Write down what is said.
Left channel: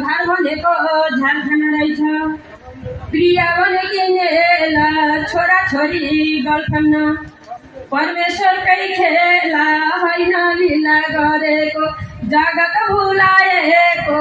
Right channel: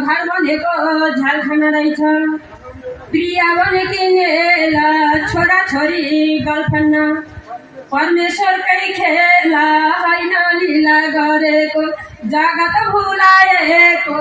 घर भनेको झाल खान रहेछ। प्रिया भने किनेला छोरा छोरी गर्लफ्रेन्ड। परमेश्वरकै खेला होइन लीला गरेको, जगत भुलाएको